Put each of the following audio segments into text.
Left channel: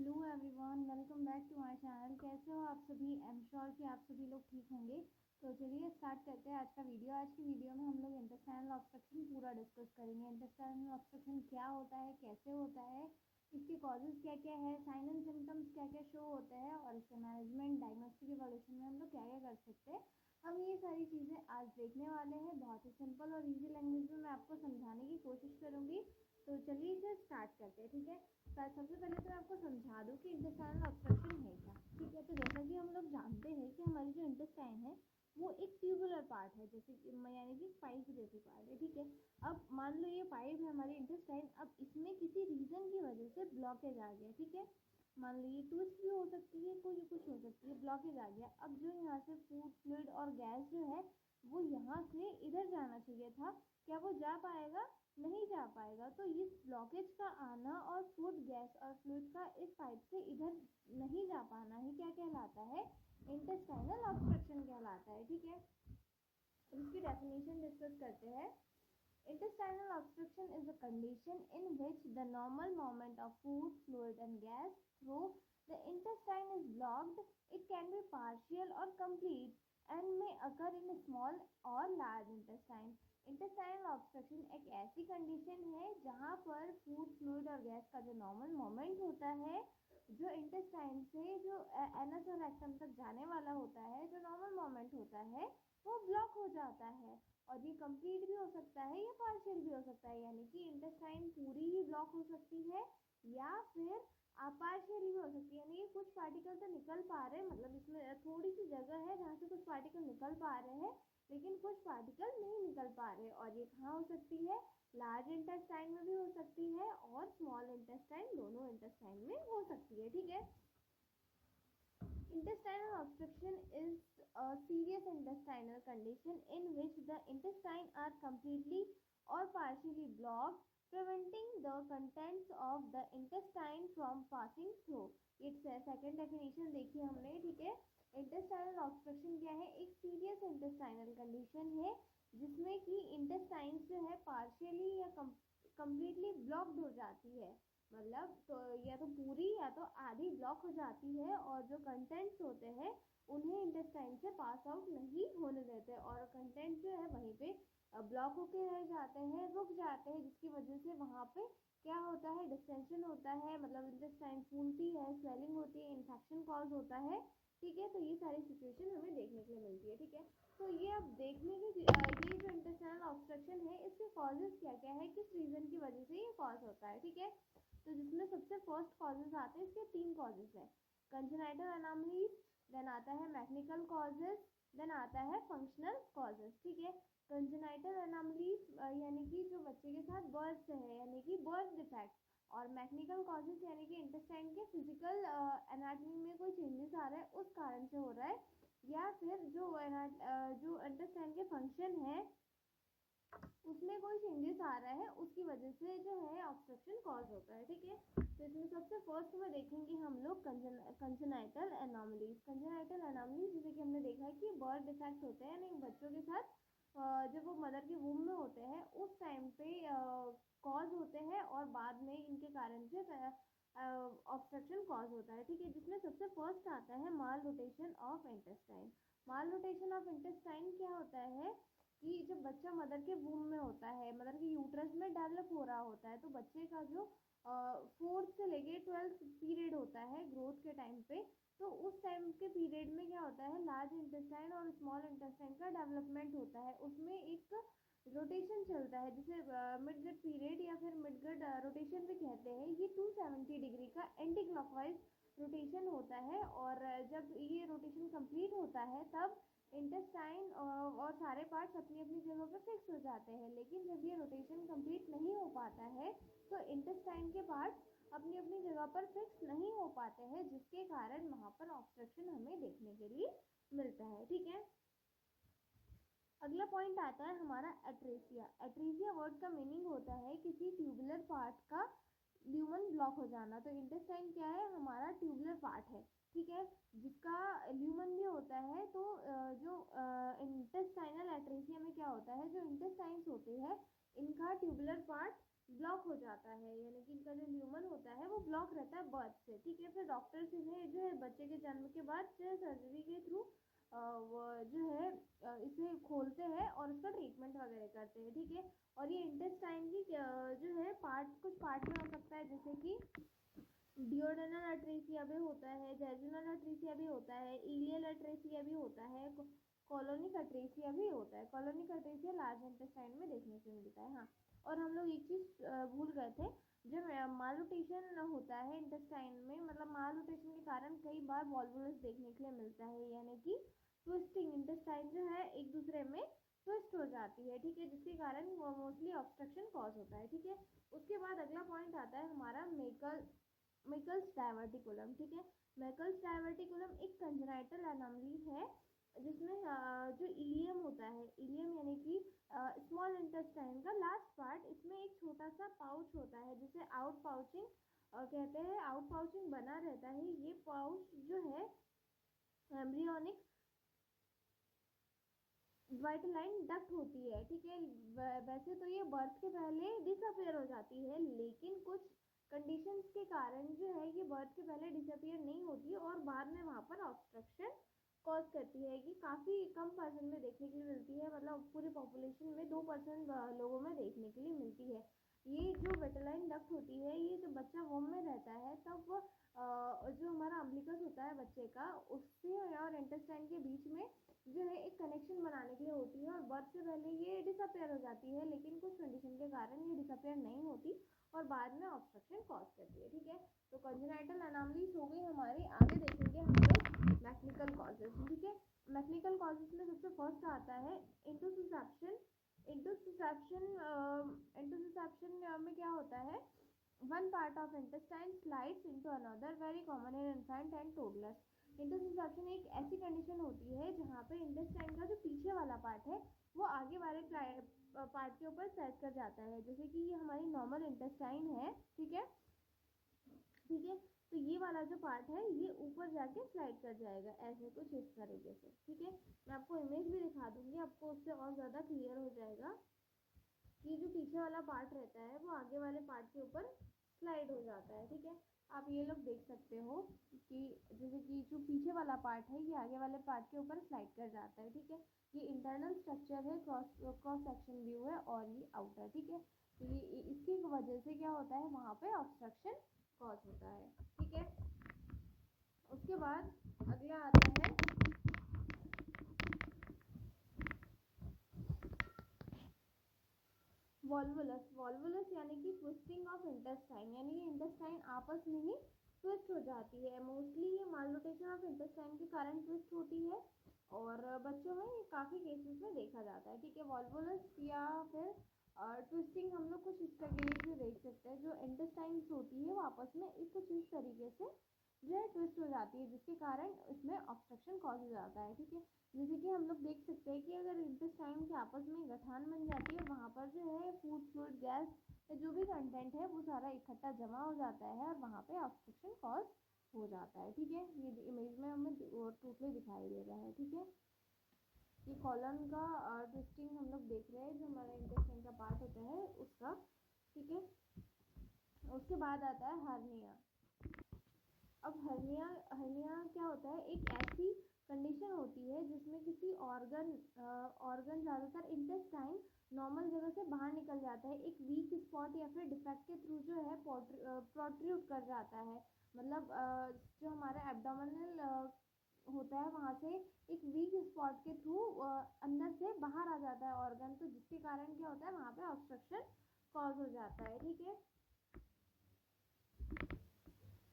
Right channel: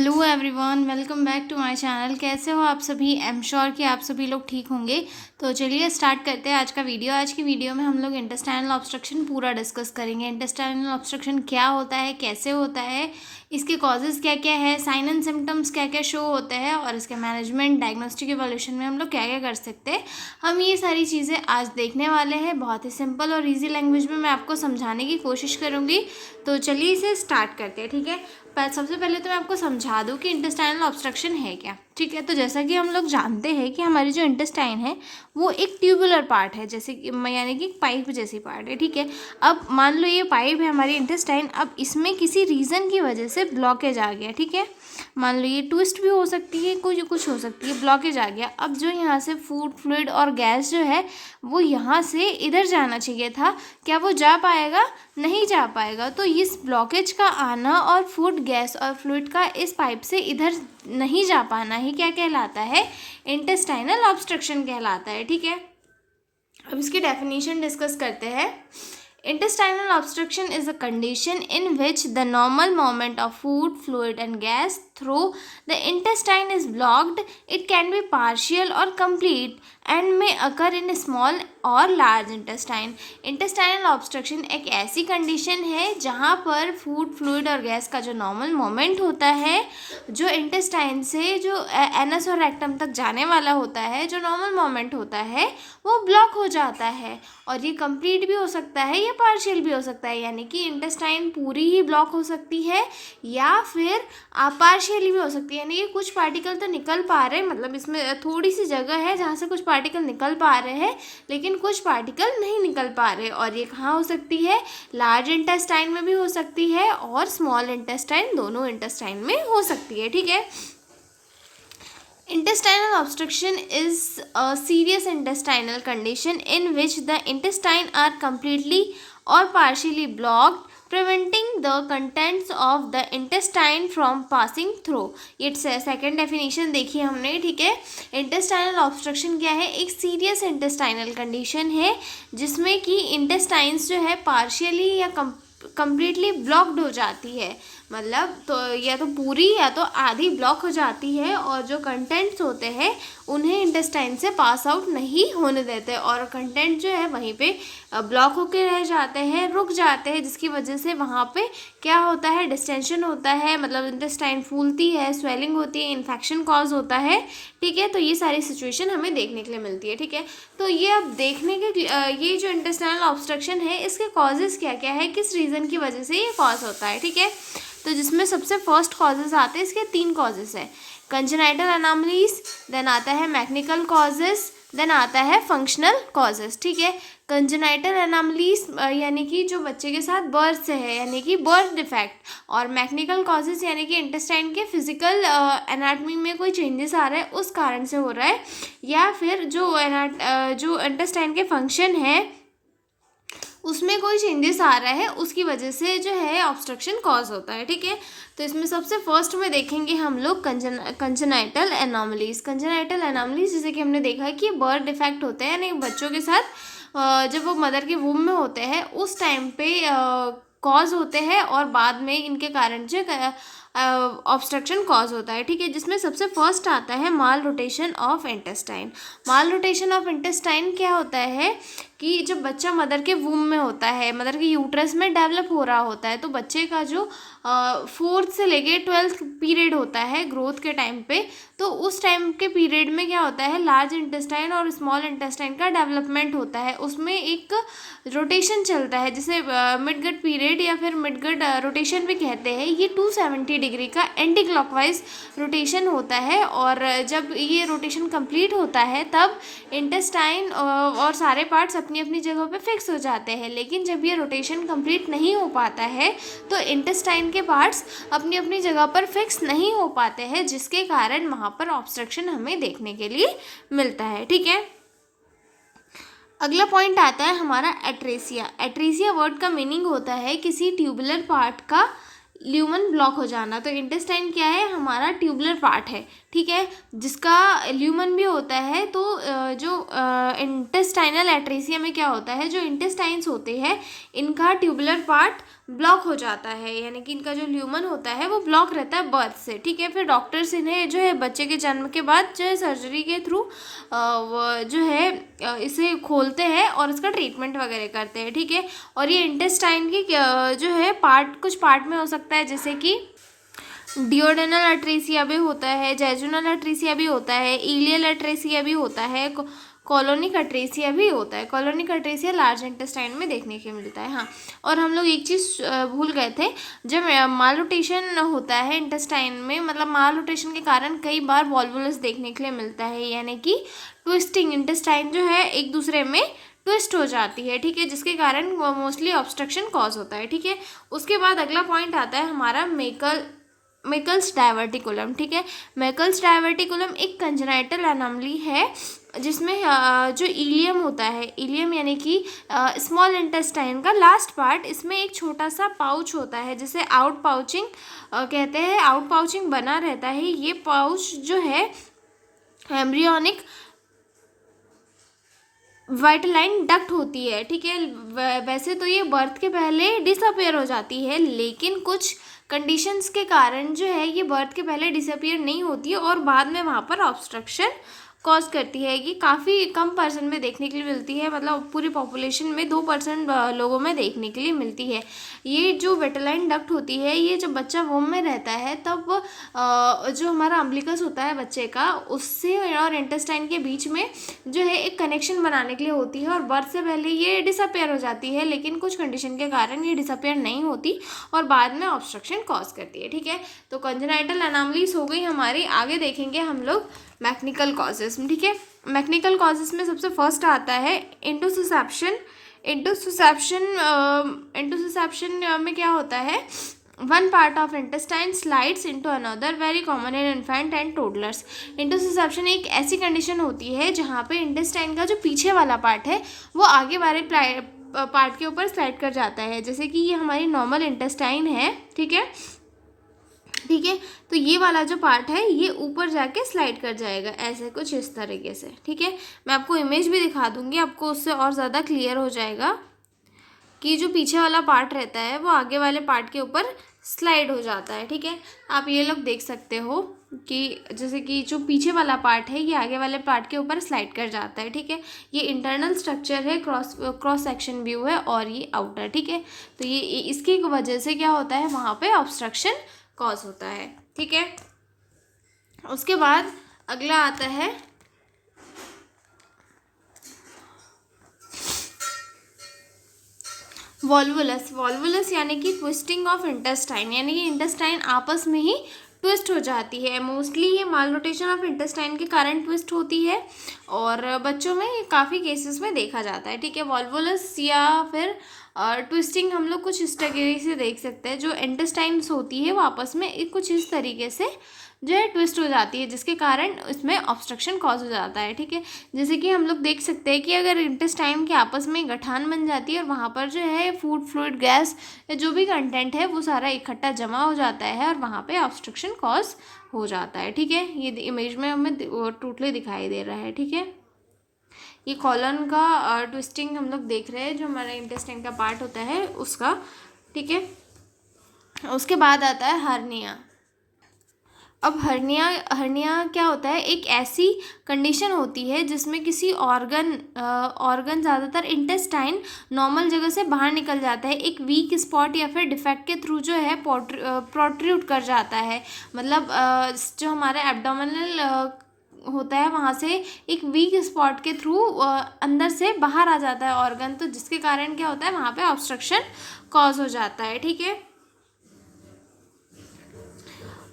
Hello everyone, welcome back to my channel. कैसे हो आप सभी? आई एम श्योर कि आप सभी लोग ठीक होंगे। तो चलिए स्टार्ट करते हैं आज का वीडियो। आज की वीडियो में हम लोग इंटेस्टाइनल ऑब्स्ट्रक्शन पूरा डिस्कस करेंगे। इंटेस्टाइनल ऑब्स्ट्रक्शन क्या होता है, कैसे होता है, इसके कॉजेज़ क्या क्या है, साइन एंड सिम्टम्स क्या क्या शो होते हैं और इसके मैनेजमेंट, डायग्नोस्टिक इवोल्यूशन में हम लोग क्या क्या कर सकते हैं, हम ये सारी चीज़ें आज देखने वाले हैं। बहुत ही सिंपल और ईजी लैंग्वेज में मैं आपको समझाने की कोशिश करूँगी। तो चलिए इसे स्टार्ट करते हैं, ठीक है। पर सबसे पहले तो मैं आपको समझा दूं कि इंटेस्टाइनल ऑब्स्ट्रक्शन है क्या, ठीक है। तो जैसा कि हम लोग जानते हैं कि हमारी जो इंटेस्टाइन है वो एक ट्यूबुलर पार्ट है, जैसे कि यानी कि पाइप जैसी पार्ट है, ठीक है। अब मान लो ये पाइप है हमारी इंटेस्टाइन, अब इसमें किसी रीज़न की वजह से ब्लॉकेज आ गया, ठीक है। मान लो ये ट्विस्ट भी हो सकती है, कुछ हो सकती है, ब्लॉकेज आ गया। अब जो यहाँ से फूड, फ्लूइड और गैस जो है वो यहाँ से इधर जाना चाहिए था, क्या वो जा पाएगा? नहीं जा पाएगा। तो इस ब्लॉकेज का आना और फूड, गैस और फ्लूइड का इस पाइप से इधर नहीं जा पाना ही क्या कहलाता है? इंटेस्टाइनल ऑब्स्ट्रक्शन कहलाता है, ठीक है। अब इसकी डेफिनेशन डिस्कस करते हैं। Intestinal obstruction is a condition in which the normal movement of food, fluid and gas through the intestine is blocked. It can be partial or complete and may occur in small और large intestine. Intestinal obstruction एक ऐसी condition है जहाँ पर food, fluid और gas का जो normal moment होता है, जो इंटेस्टाइन से जो एनस और रेक्टम तक जाने वाला होता है, जो नॉर्मल मोमेंट होता है वो ब्लॉक हो जाता है। और ये कंप्लीट भी हो सकता है या पार्शियल भी हो सकता है, यानी कि इंटेस्टाइन पूरी ही ब्लॉक हो सकती है या फिर पार्शियली भी हो सकती है, यानी कि कुछ पार्टिकल तो निकल पा रहे हैं, मतलब इसमें थोड़ी सी जगह है जहाँ से कुछ पार्टिकल निकल पा रहे हैं लेकिन कुछ पार्टिकल नहीं निकल पा रहे। और ये कहाँ हो सकती है? लार्ज इंटेस्टाइन में भी हो सकती है और स्मॉल इंटेस्टाइन, दोनों इंटेस्टाइन में हो सकती है, ठीक है। Intestinal obstruction is a serious intestinal condition in which the intestine are completely or partially blocked, preventing the contents of the intestine from passing through. ये सेकेंड डेफिनेशन देखी हमने, ठीक है। इंटेस्टाइनल ऑब्स्ट्रक्शन क्या है? एक सीरियस इंटेस्टाइनल कंडीशन है जिसमें कि इंटेस्टाइन्स जो है पार्शियली या कंप्लीटली ब्लॉक्ड हो जाती है, मतलब तो या तो पूरी या तो आधी ब्लॉक हो जाती है और जो कंटेंट्स होते हैं उन्हें इंटेस्टाइन से पास आउट नहीं होने देते और कंटेंट जो है वहीं पे ब्लॉक होके रह जाते हैं, रुक जाते हैं, जिसकी वजह से वहाँ पे क्या होता है? डिस्टेंशन होता है, मतलब इंटेस्टाइन फूलती है, स्वेलिंग होती है, इन्फेक्शन कॉज होता है, ठीक है। तो ये सारी सिचुएशन हमें देखने के लिए मिलती है, ठीक है। तो ये अब देखने के ये जो इंटेस्टाइनल ऑब्स्ट्रक्शन है इसके कॉजेज़ क्या क्या है, किस रीज़न की वजह से ये कॉज होता है, ठीक है। तो जिसमें सबसे फर्स्ट कॉजेज़ आते हैं, इसके 3 कॉजेज़ हैं। कंजेनाइटल एनॉमलीज, देन आता है मैकेनिकल कॉजेज़, देन आता है फंक्शनल कॉजेज़, ठीक है। कंजेनाइटल एनॉमलीज यानी कि जो बच्चे के साथ बर्थ से है, यानी कि बर्थ डिफेक्ट, और मैकेनिकल कॉजेज़ यानी कि इंटेस्टाइन के फिजिकल एनाटमी में कोई चेंजेस आ रहा है उस कारण से हो रहा है, या फिर जो इंटेस्टाइन के फंक्शन है उसमें कोई चेंजेस आ रहा है उसकी वजह से जो है ऑब्स्ट्रक्शन कॉज होता है, ठीक है। तो इसमें सबसे फर्स्ट में देखेंगे हम लोग कंजेनाइटल एनॉमलीज। कंजेनाइटल एनॉमलीज जैसे कि हमने देखा है कि बर्थ डिफेक्ट होते हैं, यानी बच्चों के साथ जब वो मदर के वूम में होते हैं उस टाइम पे कॉज होते हैं और बाद में इनके कारण जो ऑब्स्ट्रक्शन कॉज होता है, ठीक है। जिसमें सबसे फर्स्ट आता है malrotation of intestine. Malrotation of intestine क्या होता है कि जब बच्चा मदर के वूम में होता है, मदर के यूट्रस में डेवलप हो रहा होता है, तो बच्चे का जो 4th से लेके 12th पीरियड होता है ग्रोथ के टाइम पे, तो उस टाइम के पीरियड में क्या होता है? लार्ज इंटेस्टाइन और स्मॉल इंटेस्टाइन का डेवलपमेंट होता है, उसमें एक रोटेशन चलता है जिसे मिडगट पीरियड या फिर मिडगट रोटेशन भी कहते हैं। ये 270 डिग्री का एंटी क्लॉकवाइज रोटेशन होता है और जब ये रोटेशन कंप्लीट होता है तब इंटेस्टाइन और सारे पार्ट्स अपनी अपनी जगह पे फिक्स हो जाते हैं। लेकिन जब ये रोटेशन कंप्लीट नहीं हो पाता है तो इंटेस्टाइन के पार्ट्स अपनी अपनी जगह पर फिक्स नहीं हो पाते हैं, जिसके कारण वहाँ पर ऑब्स्ट्रक्शन हमें देखने के लिए मिलता है, ठीक है। अगला पॉइंट आता है हमारा एट्रेसिया। एट्रेसिया वर्ड का मीनिंग होता है किसी ट्यूबुलर पार्ट का ल्यूमन ब्लॉक हो जाना। तो इंटेस्टाइन क्या है? हमारा ट्यूबुलर पार्ट है, ठीक है, जिसका ल्यूमन भी होता है। तो जो इंटेस्टाइनल एट्रेसिया में क्या होता है, जो इंटेस्टाइन्स होते हैं इनका ट्यूबुलर पार्ट ब्लॉक हो जाता है, यानी कि इनका जो ल्यूमन होता है वो ब्लॉक रहता है बर्थ से, ठीक है। फिर डॉक्टर्स इन्हें जो है बच्चे के जन्म के बाद जो है सर्जरी के थ्रू जो है इसे खोलते हैं और इसका ट्रीटमेंट वगैरह करते हैं, ठीक है। और ये इंटेस्टाइन की जो है पार्ट, कुछ पार्ट में हो सकता है, जैसे कि डिओडेनल अट्रेसिया भी होता है, जेजुनल अट्रेसिया भी होता है, इलियल अट्रेसिया भी होता है, कॉलोनिक अट्रेसिया भी होता है। कॉलोनिक अट्रेसिया लार्ज इंटेस्टाइन में देखने के मिलता है। हाँ, और हम लोग एक चीज़ भूल गए थे, जब मालरोटेशन होता है इंटेस्टाइन में, मतलब मालरोटेशन के कारण कई बार वॉल्वुलस देखने के लिए मिलता है, यानी कि ट्विस्टिंग, इंटेस्टाइन जो है एक दूसरे में ट्विस्ट हो जाती है, ठीक है, जिसके कारण मोस्टली ऑब्स्ट्रक्शन कॉज होता है, ठीक है। उसके बाद अगला पॉइंट आता है हमारा मेकल्स डायवर्टिकुलम, ठीक है। मेकल्स डायवर्टिकुलम एक कंजेनाइटल एनॉमली है जिसमें जो इलियम होता है, इलियम यानी कि स्मॉल इंटेस्टाइन का लास्ट पार्ट, इसमें एक छोटा सा पाउच होता है जिसे आउट पाउचिंग कहते हैं। आउट पाउचिंग बना रहता है। ये पाउच जो है एम्ब्रियोनिक वाइटलाइन डक्ट होती है, ठीक है। वैसे तो ये बर्थ के पहले डिसअपियर हो जाती है, लेकिन कुछ कंडीशंस के कारण जो है ये बर्थ के पहले डिसअपियर नहीं होती है और बाद में वहाँ पर ऑब्स्ट्रक्शन कॉज करती है। ये काफ़ी कम पर्सन में देखने के लिए मिलती है, मतलब पूरी पॉपुलेशन में 2% लोगों में देखने के लिए मिलती है। ये जो वेटलाइन डक्ट होती है, ये जब बच्चा वोम में रहता है तब जो हमारा अम्बिलिकस होता है बच्चे का, उससे और इंटेस्टाइन के बीच में जो है एक कनेक्शन बनाने के लिए होती है, और बर्थ से पहले ये डिसअपेयर हो जाती है, लेकिन कुछ कंडीशन के कारण ये डिसअपेयर नहीं होती और बाद में ऑब्स्ट्रक्शन कॉज करती है, ठीक है। तो कंजेनाइटल एनॉमलीज हो गई हमारी। आगे देखेंगे हम लोग मैकेनिकल कॉजेज, ठीक है। मैकेनिकल कॉजेज में सबसे फर्स्ट आता है इंटोसिसेप्शन। इंटोसिसेप्शन में क्या होता है, one part of intestine slides into another, very common in infant and toddlers. Intussusception एक ऐसी कंडीशन होती है जहाँ पे इंटेस्टाइन का जो पीछे वाला पार्ट है वो आगे वाले पार्ट के ऊपर स्लाइड कर जाता है, जैसे कि ये हमारी नॉर्मल इंटेस्टाइन है, ठीक है, ठीक है। तो ये वाला जो पार्ट है ये ऊपर जाके स्लाइड कर जाएगा, ऐसे कुछ इस तरीके से, ठीक है। मैं आपको इमेज भी दिखा दूंगी, आपको उससे और ज़्यादा क्लियर हो जाएगा कि जो पीछे वाला पार्ट रहता है वो आगे वाले पार्ट के ऊपर स्लाइड हो जाता है, ठीक है। आप ये लोग देख सकते हो कि जैसे कि जो पीछे वाला पार्ट है ये आगे वाले पार्ट के ऊपर स्लाइड कर जाता है, ठीक है। ये इंटरनल स्ट्रक्चर है, क्रॉस सेक्शन व्यू है, और ये आउटर, ठीक है। तो ये इसकी वजह से क्या होता है, वहाँ पे ऑब्स्ट्रक्शन कॉज होता है, ठीक है। उसके बाद अगला आता है वॉल्वुलस। वॉल्वुलस यानी कि ट्विस्टिंग ऑफ इंटेस्टाइन, यानी कि इंटेस्टाइन आपस में ही ट्विस्ट हो जाती है। मोस्टली ये मालरोटेशन ऑफ इंटेस्टाइन के कारण ट्विस्ट होती है और बच्चों में ये काफ़ी केसेस में देखा जाता है, ठीक है। वॉल्वुलस या फिर ट्विस्टिंग हम लोग कुछ इस तरीके से देख सकते हैं, जो इंटेस्टाइन्स होती है वो आपस में कुछ इस तरीके से जो है ट्विस्ट हो जाती है, जिसके कारण इसमें ऑब्स्ट्रक्शन कॉज हो जाता है, ठीक है। जैसे कि हम लोग देख सकते हैं कि अगर इंटेस्टाइन के आपस में गठान बन जाती है और वहाँ पर जो है फूड फ्लूइड गैस या जो भी कंटेंट है वो सारा इकट्ठा जमा हो जाता है और वहाँ पे ऑब्स्ट्रक्शन कॉज हो जाता है, ठीक है। ये इमेज में हमें टोटली दिखाई दे रहा है, ठीक है। ये कॉलन का ट्विस्टिंग हम लोग देख रहे हैं, जो हमारा इंटेस्टाइन का पार्ट होता है उसका, ठीक है। उसके बाद आता है हर्निया। अब हर्निया क्या होता है, एक ऐसी कंडीशन होती है जिसमें किसी ऑर्गन ज़्यादातर इंटेस्टाइन नॉर्मल जगह से बाहर निकल जाता है, एक वीक स्पॉट या फिर डिफेक्ट के थ्रू जो है प्रोट्रूड कर जाता है। मतलब जो हमारा एब्डोमिनल होता है वहाँ से एक वीक स्पॉट के थ्रू अंदर से बाहर आ जाता है ऑर्गन, तो जिसके कारण क्या होता है वहाँ पे ऑब्स्ट्रक्शन कॉज हो जाता है, ठीक है।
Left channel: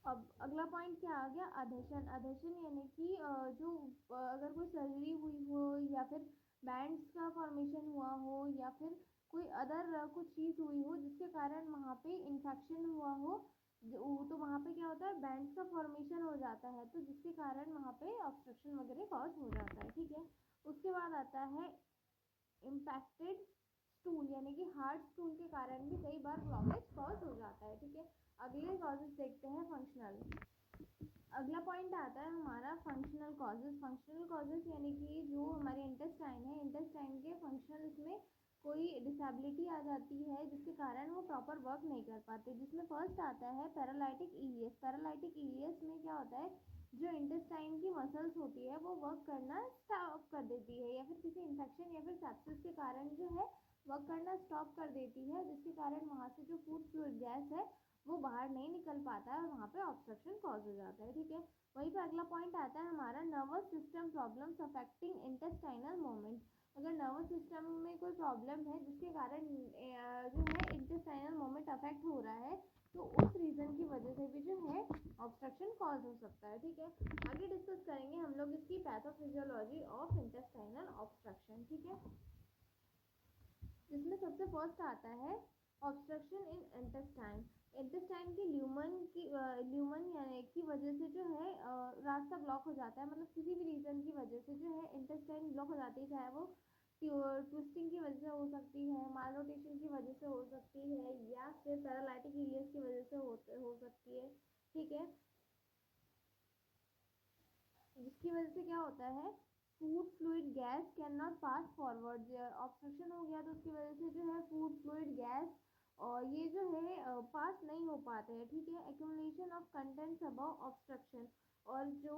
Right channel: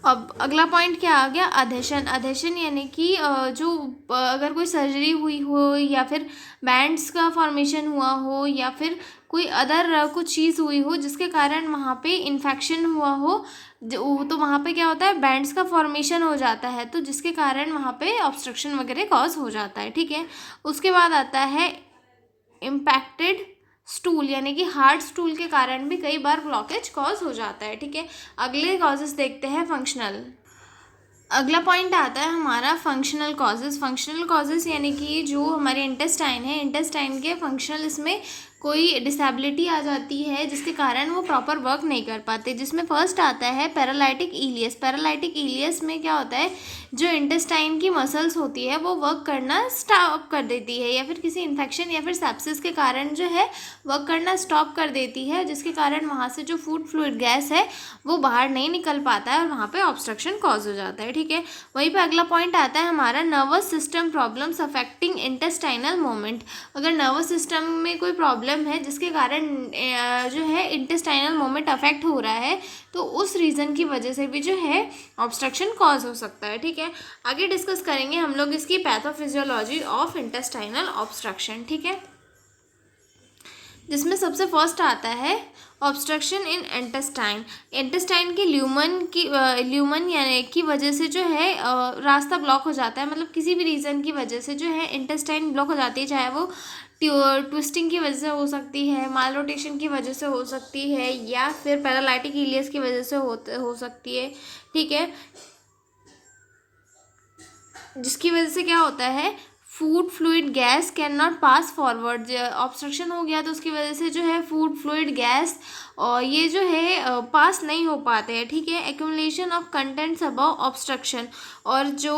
अब अगला पॉइंट क्या आ गया, अधेशन यानी कि जो अगर कोई सर्जरी हुई हो या फिर बैंड्स का फॉर्मेशन हुआ हो या फिर कोई अदर कुछ चीज़ हुई हो जिसके कारण वहाँ पे इन्फेक्शन हुआ हो, तो वहाँ पे क्या होता है, बैंड्स का फॉर्मेशन हो जाता है, तो जिसके कारण वहाँ पे ऑब्स्ट्रक्शन वगैरह कॉज हो जाता है, ठीक है। उसके बाद आता है इम्पैक्टेड स्टूल, यानी कि हार्ड स्टूल के कारण भी कई बार ब्लॉकेज कॉज हो जाता है, ठीक है। अगले कॉजेस देखते हैं फंक्शनल। अगला पॉइंट आता है हमारा फंक्शनल कॉजेस। फंक्शनल कॉजेस यानी कि जो हमारे इंटेस्टाइन है, इंटेस्टाइन के फंक्शनल इसमें कोई डिसेबिलिटी आ जाती है जिसके कारण वो प्रॉपर वर्क नहीं कर पाते, जिसमें फर्स्ट आता है पैरालिटिक इलियस। पैरालिटिक इलियस में क्या होता है, जो इंटेस्टाइन की मसल्स होती है वो वर्क करना स्टॉप कर देती है, या फिर किसी इन्फेक्शन या फिर सेप्सिस के कारण जो है वर्क करना स्टॉप कर देती है, जिसके कारण वहाँ से जो फूड फ्लूइड गैस है वो बाहर नहीं निकल पाता है और वहाँ पे ऑब्स्ट्रक्शन कॉज हो जाता है। ठीक है, वहीं पे अगला पॉइंट आता है हमारा nervous system problems affecting intestinal movement. अगर नर्वस सिस्टम में कोई प्रॉब्लम है जिसके कारण जो है इंटेस्टाइनल मूवमेंट अफेक्ट हो रहा है, तो उस रीज़न की वजह से भी जो है ऑब्स्ट्रक्शन कॉज हो सकता है। ठीक है, आगे डिस्कस करेंगे हम लोग इसकी पैथोफिजियोलॉजी ऑफ इंटेस्टाइनल ऑब्स्ट्रक्शन। ठीक है, जिसमें सबसे फर्स्ट आता है ऑब्स्ट्रक्शन इन इंटेस्टाइन। इंटेस्टाइन के ल्यूमन यानी की वजह से जो है रास्ता ब्लॉक हो जाता है, मतलब किसी भी रीज़न की वजह से जो है इंटेस्टाइन ब्लॉक हो जाती है, चाहे वो ट्विस्टिंग की वजह से हो सकती है, माल रोटेशन की वजह से हो सकती है, या फिर पैरालाइटिक इलियस की वजह से हो सकती है। ठीक है, जिसकी वजह से क्या होता है, food fluid gas can not pass forward. Obstruction हो गया तो उसकी वजह से जो है फूड फ्लूइड गैस और ये जो है पास नहीं हो पाते हैं। ठीक है, accumulation of contents above obstruction, और जो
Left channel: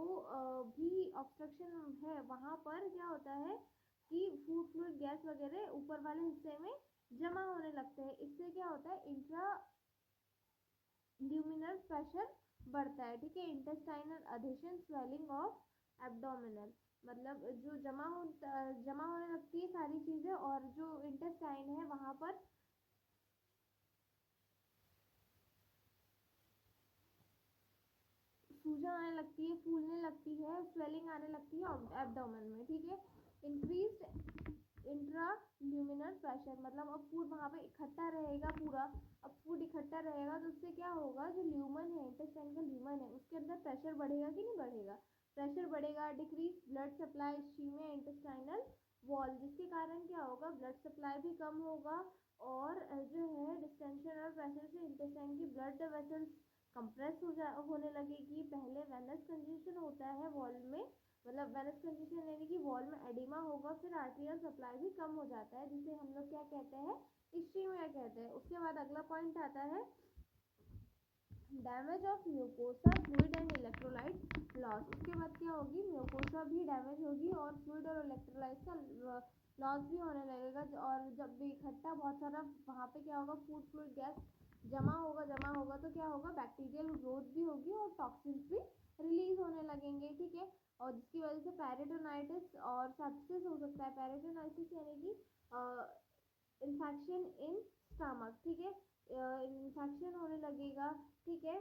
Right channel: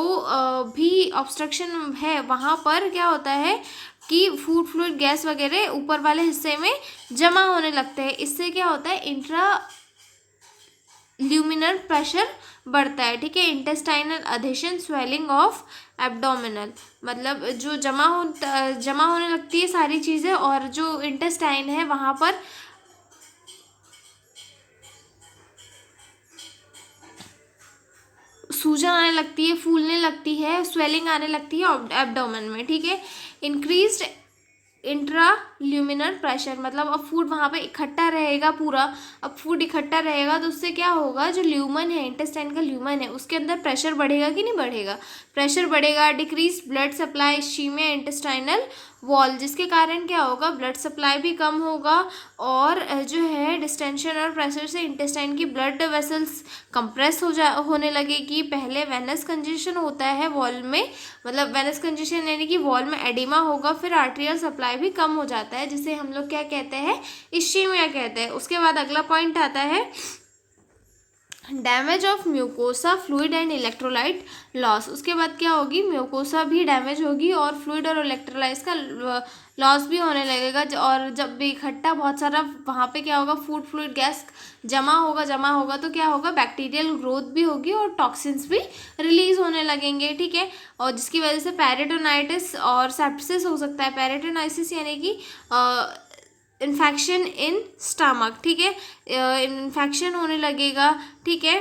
भी ऑब्स्ट्रक्शन है वहाँ पर क्या होता है कि फूड फ्लूइड गैस वगैरह ऊपर वाले हिस्से में जमा होने लगते हैं। इससे क्या होता है, इंट्रा ल्यूमिनल प्रेशर बढ़ता है। ठीक है, इंटेस्टाइनल अधेशन, स्वेलिंग ऑफ एब्डोमिनल, मतलब जो जमा होने लगती है सारी चीज़ें, और जो इंटेस्टाइन है वहाँ पर सूजन आने लगती है, फूलने लगती है, स्वेलिंग आने लगती है एब्डोमेन में। ठीक है, इंक्रीज्ड इंट्रा ल्यूमिनल प्रेशर, मतलब अब फूड वहाँ पे इकट्ठा रहेगा पूरा। अब फूड इकट्ठा रहेगा तो उससे क्या होगा, जो ल्यूमन है, इंटेस्टाइन का ल्यूमन है, उसके अंदर प्रेशर बढ़ेगा कि नहीं बढ़ेगा, प्रेशर बढ़ेगा। Decrease blood supply, ischemia intestinal wall, जिसके कारण क्या होगा, ब्लड सप्लाई भी कम होगा, और जो है डिस्टेंशन और प्रेशर से इंटेस्टाइन की ब्लड वेसल्स कंप्रेस होने लगेगी। पहले वेनस कंजेशन होता है वॉल में, मतलब वेनस कंजेशन यानी कि वॉल में एडिमा होगा, फिर आर्टेरियल सप्लाई भी कम हो जाता है, जिसे हम लोग क्या कहते हैं, इश्चीमिया कहते हैं। उसके बाद अगला पॉइंट आता है damage of mucosa fluid and electrolyte loss. उसके बाद क्या होगी, म्यूकोसा भी डैमेज होगी और फ्लूइड और इलेक्ट्रोलाइट्स का लॉस भी होने लगेगा। और जब भी इकट्ठा बहुत सारा वहाँ पे क्या होगा, फूड फ्लूइड गैस जमा होगा तो क्या होगा, बैक्टीरियल ग्रोथ भी होगी और टॉक्सिन्स भी रिलीज होने लगेंगे। ठीक है, और जिसकी वजह से पेरिटोनाइटिस और सेप्सिस हो सकता है। पेरिटोनाइटिस यानी कि इन्फेक्शन इन स्टमक। ठीक है, इन्फेक्शन होने लगेगा। ठीक है,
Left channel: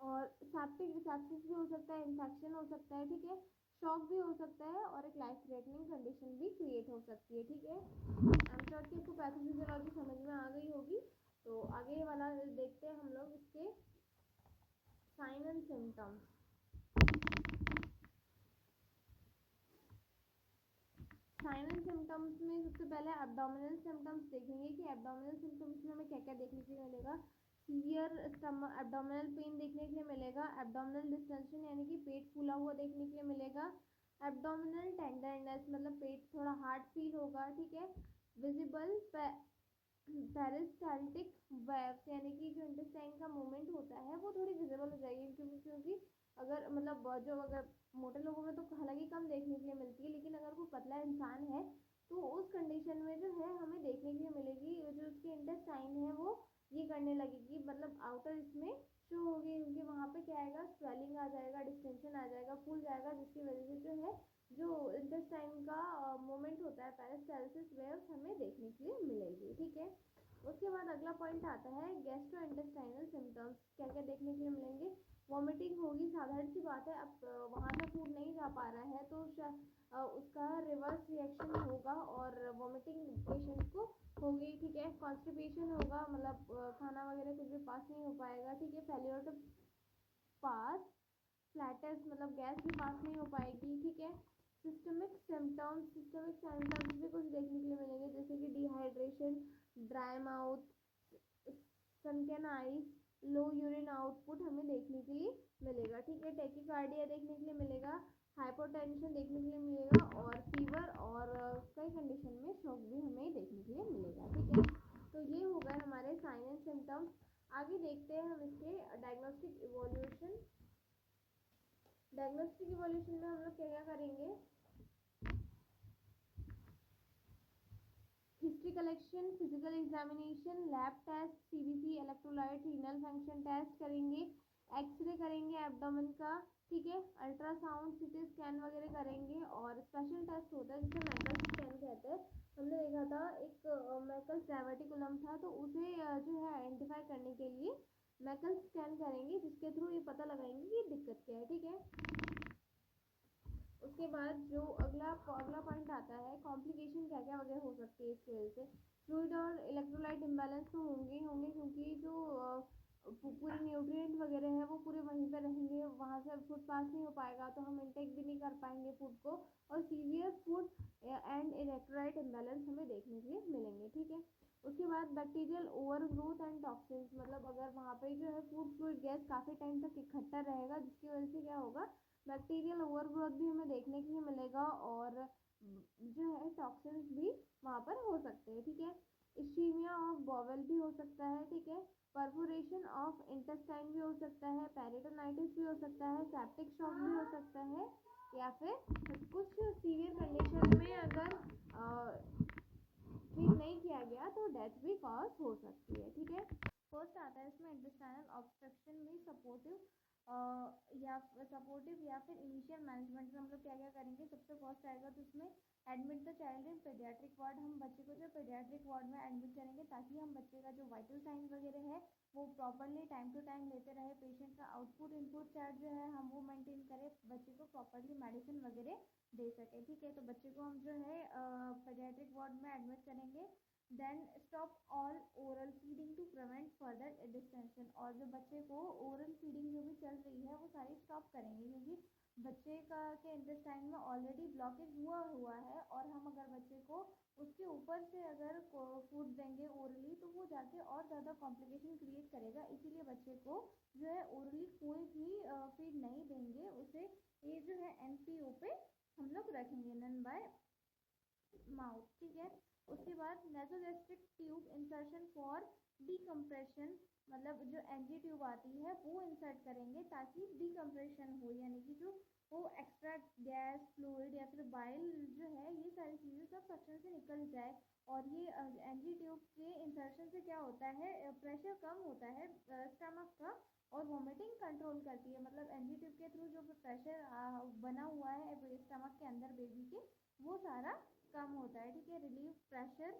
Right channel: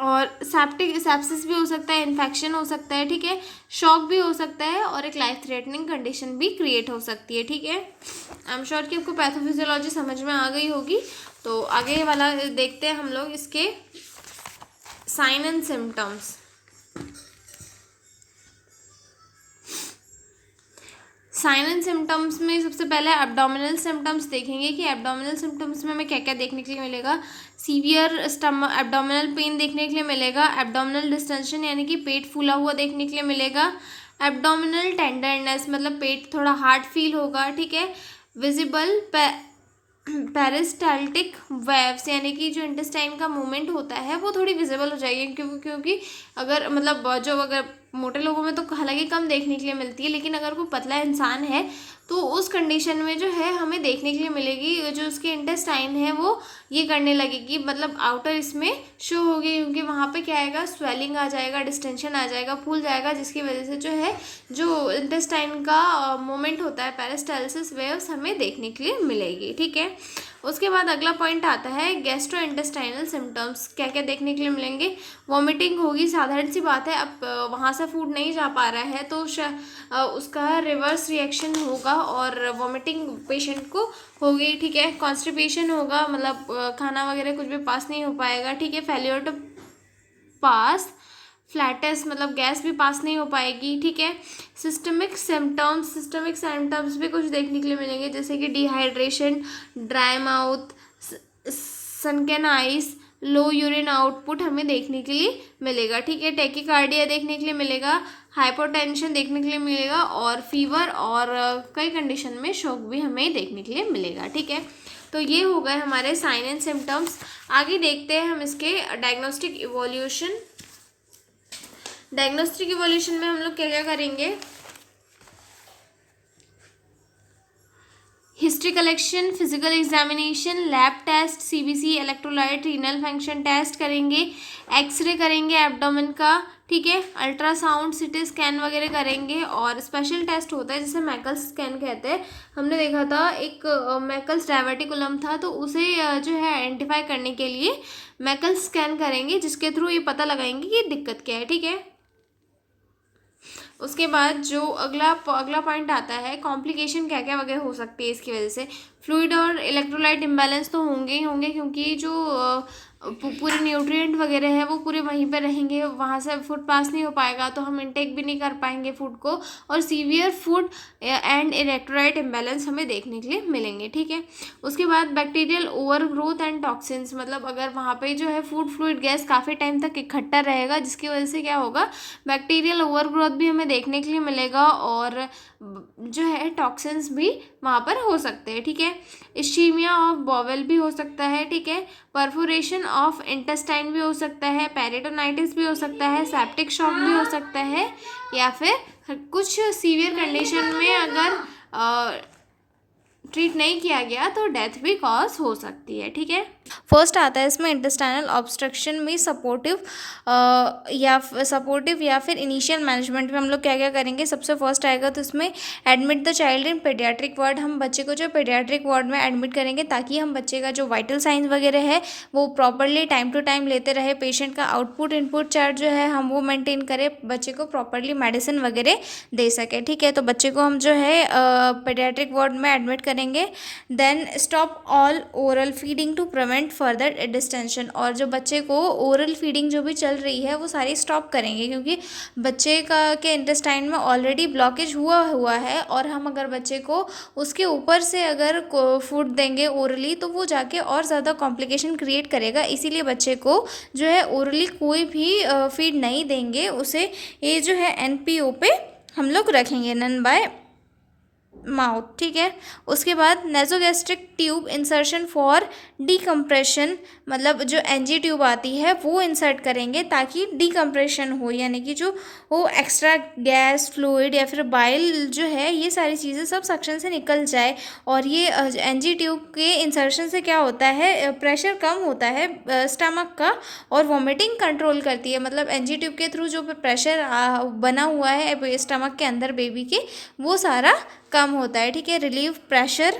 और सेप्सिस भी हो सकता है, इन्फेक्शन हो सकता है। ठीक है, शॉक भी हो सकता है, और एक लाइफ थ्रेटनिंग कंडीशन भी क्रिएट हो सकती है। ठीक है, आई एम श्योर कि आपको पैथोफिजियोलॉजी समझ में आ गई होगी। तो आगे वाला देखते हैं हम लोग इसके sign and symptoms. Sign and symptoms में सबसे पहले एब्डोमिनल सिम्टम्स देखेंगे कि एब्डोमिनल सिम्टम्स में हमें क्या क्या देखने के लिए मिलेगा। सीवियर एब्डोमिनल पेन देखने के लिए मिलेगा। एब्डोमिनल डिस्टेंशन यानी कि पेट फूला हुआ देखने के लिए मिलेगा। एब्डोमिनल टेंडरनेस, मतलब पेट थोड़ा हार्ड फील होगा। ठीक है, विजिबल पेरिस्टाल्टिक वेव्स, यानी कि जो इंटेस्टाइन का मूवमेंट होता है वो थोड़ी विजिबल हो जाएगी, क्योंकि अगर मतलब जो अगर मोटे लोगों में तो हालांकि कम देखने के लिए मिलती है, लेकिन अगर कोई पतला इंसान है तो उस कंडीशन में जो है हमें देखने के लिए मिलेगी, जो उसके इंटेस्टाइन है वो ये करने लगेगी, मतलब आउटर इसमें शो होगी, क्योंकि वहाँ पे क्या आएगा, स्वेलिंग आ जाएगा, डिस्टेंशन आ जाएगा, फूल जाएगा, जिसकी वजह से जो है जो इंटेस्टाइन का मूवमेंट होता है, पेरिस्टाल्सिस वेव्स हमें देखने के लिए मिलेगी। ठीक है, उसके बाद अगला पॉइंट आता है गैस्ट्रो इंटेस्टाइनल सिम्टम्स। क्या क्या देखने के लिए मिलेंगे, वॉमिटिंग होगी, साधारण सी बात है, अब वहाँ से फूड नहीं जा पा रहा है तो उसका रिवर्स रिएक्शन होगा और वॉमिटिंग पेशेंट को होगी। ठीक है, कॉन्स्टिपेशन होगा, मतलब खाना वगैरह कुछ भी पास नहीं हो पाएगा। ठीक है, फेल्योर टू पास फ्लैटस, मतलब गैस भी पास नहीं हो पाएगी। ठीक है, सिस्टमिक सिम्टम्स भी कुछ देखने के लिए मिलेंगे, जैसे कि dehydration, dry mouth, sunken eyes, low urine output हमें देखने के लिए मिलेगा, ठीक है। टैकीकार्डिया देखने के लिए मिलेगा, हाइपोटेंशन देखने के लिए मिलेगा, और फीवर और कई कंडीशन में शॉक भी हमें देखने के लिए मिलेगा, ठीक है। तो ये हो गए हमारे साइन एंड सिम्टम्स। आगे देखते हैं हम इसके डायग्नोस्टिक इवोल्यूशन। डायग्नोस्टिक इवोल्यूशन में हम लोग क्या क्या करेंगे, history collection, physical examination, lab test, CBC, electrolyte, renal function test करेंगे, एक्सरे करेंगे एब्डोमेन का, ठीक है, अल्ट्रासाउंड, सिटी स्कैन वगैरह करेंगे, और स्पेशल टेस्ट होता है जिसे मैकल्स स्कैन कहते हैं। हमने देखा था एक मैकल्स डायवर्टिकुलम था, तो उसे जो है आइडेंटिफाई करने के लिए मैकल्स स्कैन करेंगे, जिसके थ्रू ये पता लगाएंगे कि दिक्कत क्या है, ठीक है। उसके बाद जो अगला पॉइंट आता है, कॉम्प्लिकेशन क्या क्या वगैरह हो सकती है इसकी वजह से। फ्लूइड और इलेक्ट्रोलाइट इम्बैलेंस तो होंगे ही होंगे, क्योंकि जो पूरे न्यूट्रिएंट वगैरह है वो पूरे वहीं पर रहेंगे, वहाँ से फूड पास नहीं हो पाएगा, तो हम इनटेक भी नहीं कर पाएंगे फूड को, और severe food and electrolyte imbalance हमें देखने के लिए मिलेंगे, ठीक है। उसके बाद bacterial over growth and toxins, मतलब अगर वहाँ पे जो है फूड फ्लूइड गैस काफ़ी टाइम तक इकट्ठा रहेगा, जिसकी वजह से क्या होगा, बैक्टीरियल ओवर ग्रोथ भी हमें देखने के लिए मिलेगा, और जो है टॉक्सिन्स भी वहाँ पर हो सकते हैं, ठीक है। इश्चीमिया ऑफ बॉवेल भी हो सकता है, ठीक है। परफोरेशन ऑफ इंटेस्टाइन भी हो सकता है, पेरिटोनाइटिस भी हो सकता है, सेप्टिक शॉक भी हो सकता है, या फिर कुछ सीवियर कंडीशन में अगर ट्रीट नहीं किया गया तो डेथ भी कॉज हो सकती है, ठीक है। फर्स्ट आता है इसमें इंटेस्टाइनल ऑब्स्ट्रक्शन में सपोर्टिव या फिर इनिशियल मैनेजमेंट में हम लोग क्या क्या करेंगे। सबसे फर्स्ट आएगा तो इसमें admit the child in paediatric ward, हम बच्चे को जो पेडियाट्रिक वार्ड में एडमिट करेंगे, ताकि हम बच्चे का जो वाइटल साइंस वगैरह है वो प्रॉपरली टाइम टू टाइम लेते रहे, पेशेंट का आउटपुट इनपुट चार्ट जो है हम वो मेंटेन करें, बच्चे को प्रॉपरली मेडिसिन वगैरह दे सके, ठीक है। तो बच्चे को हम जो है पेडियाट्रिक वार्ड में एडमिट करेंगे। Then stop all oral feeding to prevent further distension, और जो बच्चे को ओरल फीडिंग जो भी चल रही है वो सारी स्टॉप करेंगे, क्योंकि बच्चे का के इंटेस्टाइन में ऑलरेडी ब्लॉकेज हुआ है, और हम अगर बच्चे को उसके ऊपर से अगर फूड देंगे ओरली तो वो जाके और ज़्यादा कॉम्प्लिकेशन क्रिएट करेगा, इसीलिए बच्चे को जो है ओरली कोई भी फीड नहीं देंगे, उसे ये जो है एनपीओ पे हम लोग रखेंगे, नन बाय माउथ, ठीक है। उसके बाद nasogastric tube insertion for decompression, मतलब जो एनजी ट्यूब आती है वो इंसर्ट करेंगे ताकि डीकम्प्रेशन हो, यानी कि जो वो एक्स्ट्रा गैस फ्लूइड या फिर बाइल जो है ये सारी चीज़ें सब सक्शन से निकल जाए। और ये एनजी ट्यूब के इंसर्शन से क्या होता है, प्रेशर कम होता है स्टमक का, और वॉमिटिंग कंट्रोल करती है, मतलब एनजी ट्यूब के थ्रू जो प्रेशर बना हुआ है स्टमक के अंदर बेबी के, वो सारा कम होता है, ठीक है। Relieve pressure